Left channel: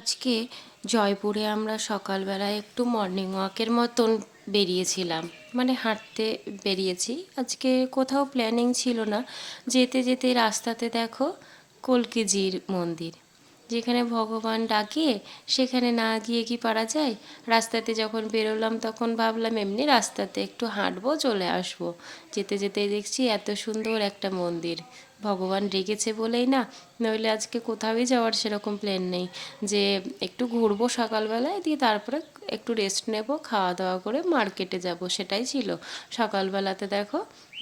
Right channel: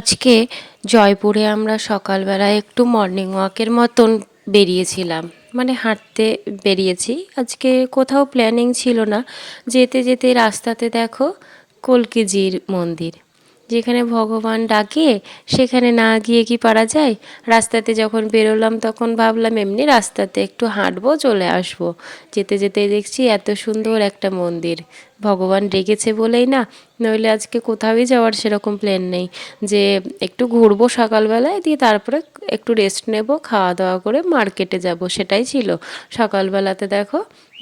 আজকে জয়পুরে আমরা সকালবেলায় একটু মর্নিং ওয়াকের মতন বেরিয়েছিলাম। মানে হাঁটতে বেরিয়েছি। আজকে কোথাও প্ল্যানিং ছিল না। যেতে যেতে রাস্তাতে দেখো কলকিজির মন্দির। যেখানে ভগবান ডাকে, সেখানে না গিয়ে কি পারা যায়? রাস্তাতে যখন বেরোলাম, তখন ভাবলাম এমনি রাস্তাতে একটু হাঁটবো, চলে আসব। যেতে যেতে দেখছি এত সুন্দর একটা মন্দির। ভগবান ডেকেছে বলেই না, নইলে আজকে কোথাওই যাওয়ার সেরকম প্ল্যান নেই। যে একটু ঘুরবো সকালবেলায়, দিয়ে তারপরে একটু রেস্ট নেব খাওয়া দাওয়া করে মার্কেটে যাব, সেটাই ছিল। সকালবেলাতে দেখো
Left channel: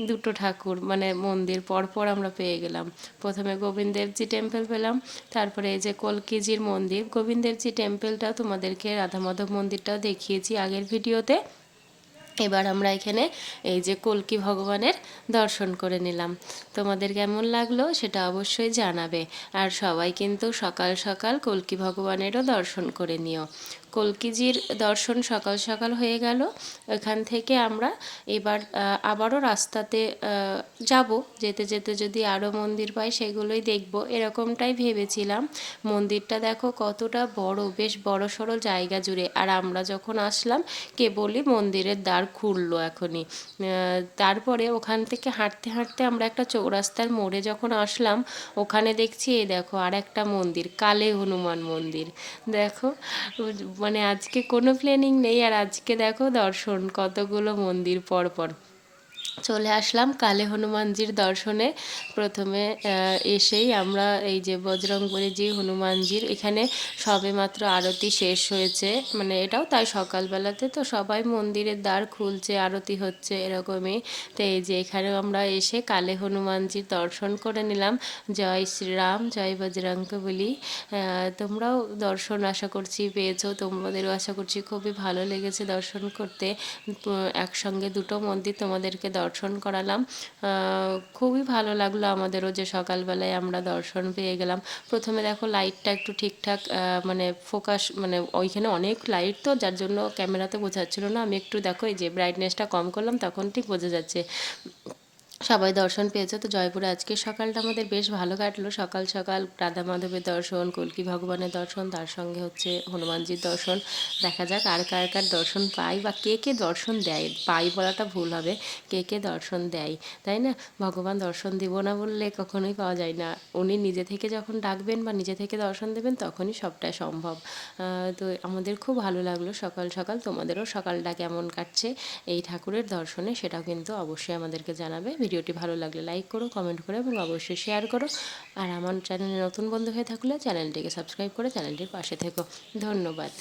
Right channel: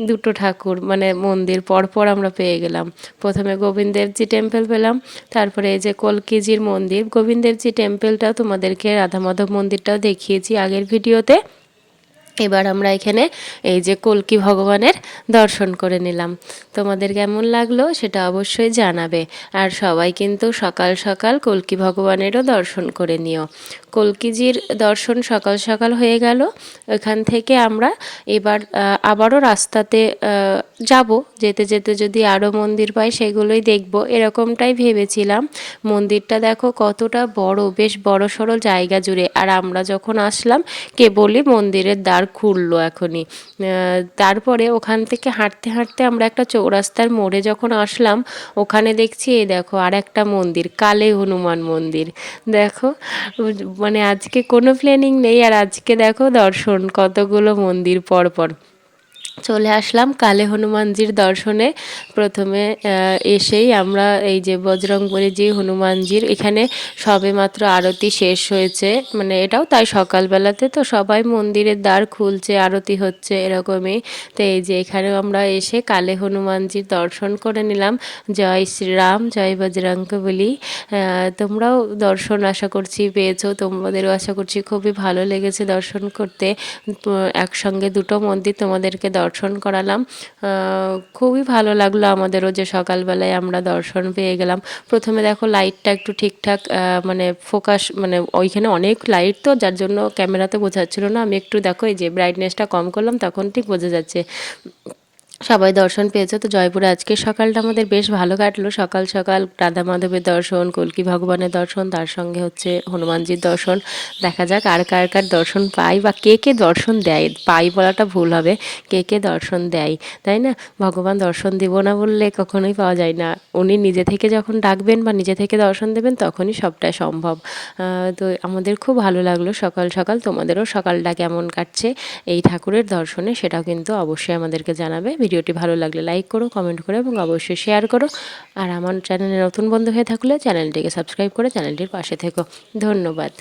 দুটো ঠাকুর মানে মন্দির পরপর আমরা পেয়ে গেলাম। প্রথমে গোবিন্দদেবজি টেম্পল পেলাম, তারপরে এই যে কলকিজির মন্দির। গোবিন্দদেবজি টেম্পলটাও তোমাদেরকে রাধা মাধব মন্দিরটাও দেখিয়েছি আগের ভিডিওতে এবার আমরা এখানে এই যে কলকি ভগবানের দর্শন করে নিলাম। তোমাদের কেমন লাগল সেটা অবশ্যই জানাবে। আর সবাই কিন্তু সকাল সকাল কলকি ভগবানেরও দর্শন করে নিও। কলকিজির দর্শন সকাল সকাল হয়ে গেল। ওখান থেকে আমরা এবার আবারও রাস্তাতে যাব। যেতে যেতে যদি আরও মন্দির পাই সেগুলোই দেখব। এরকমটাই ভেবেছিলাম। মন্দিরটা দেখো কতটা বড়, বেশ বড় সড়ো জায়গা জুড়ে। আর আমরা যখন আসলাম, কেবলই মন্দিরের দ্বার খুললো এখনই। তারপরে ওখান থেকে হাঁটতে হাঁটতে আমরা একটা চৌরাস্তার মোড়ে যখন আসলাম, ওখানে দেখছি, এই দেখো, আর একটা মন্দির, কালে হনুমান মন্দির। দেখো মানে আজকে কোনো প্ল্যানিং নেই, আর আজকে দেখো দর্শন, কতগুলো মন্দির পরপর। চলে আসলাম কালে হনুমানজির দর্শনে। প্রথমে এসেই আমরা এই যে বজরংবলী যে হনুমানজির এখানে সবে মাত্র আরতি শেষ হয়েছে। মানে এটাও তাই সকালবেলাতে তো সবাই মন্দিরের দ্বার খুলছে, আরতি হচ্ছে এরকমই। তো এই যে এখানেও আমরা এসে কালে হনুমানজির দর্শন করে নিলাম। জয় শ্রীরাম, জয় বজরঙ্গ বলি তোমরাও দর্শন আশা করছি পেয়েছ, তোমাদেরও আশা করছি খুবই ভালো লেগেছে দর্শন করতে। একসঙ্গে দুটো মন্দির তোমাদেরকে দর্শন দর্শন করালাম। খুবই ভালো লাগল আমাদেরও যে সকালবেলায় আমরা দর্শন পেয়ে গেলাম। প্রথমে দেখো লাইটটা একটু ঠিকঠাক মানে ফোকাস মানে ওইখানে অনেক লাইট তো, যার জন্য ক্যামেরাতে বোঝাচ্ছিল না। আমি একটু দেখো এই যে ব্রাইটনেসটা কম করলাম, তখন ঠিক বোঝা যাচ্ছে। সবাই দর্শন পেয়েছে। তো জয়পুরে আজকে সকালটা আমাদের বেশ ভালো কাটলো। সকাল সকাল রাধা মাধবের দর্শন, কলকি ভগবানের দর্শন, তার সঙ্গে হচ্ছে হনুমানজির দর্শন। দেখা যাক আর কার কার দর্শন পাই বা কে কে দর্শন দেয়। পাই বলাটা ভুল হবে। কে কে দর্শন দেয়, তাই না? ভগবান দর্শন দেব না বললে কখনোই পাওয়া যায় না। উনি নিজে থেকে যখন ডাকবেন বা নিজে থেকে দর্শন দেবেন, তখনই সবটাই সম্ভব। তো আমাদের খুব ভালো লাগল সকাল সকাল। তোমাদেরও সকালটা কেমন কাটছে এই ঠাকুরের দর্শনে, সেটাও কিন্তু অবশ্যই আমাদেরকে জানাবে। ভিডিওটি ভালো লাগলে লাইক করো কমেন্ট করো এবং অবশ্যই শেয়ার করো। আর আমার চ্যানেলে নতুন বন্ধু হয়ে থাকলে চ্যানেলটিকে সাবস্ক্রাইব করে চ্যানেলটির পাশে থেকো। ধন্যবাদ।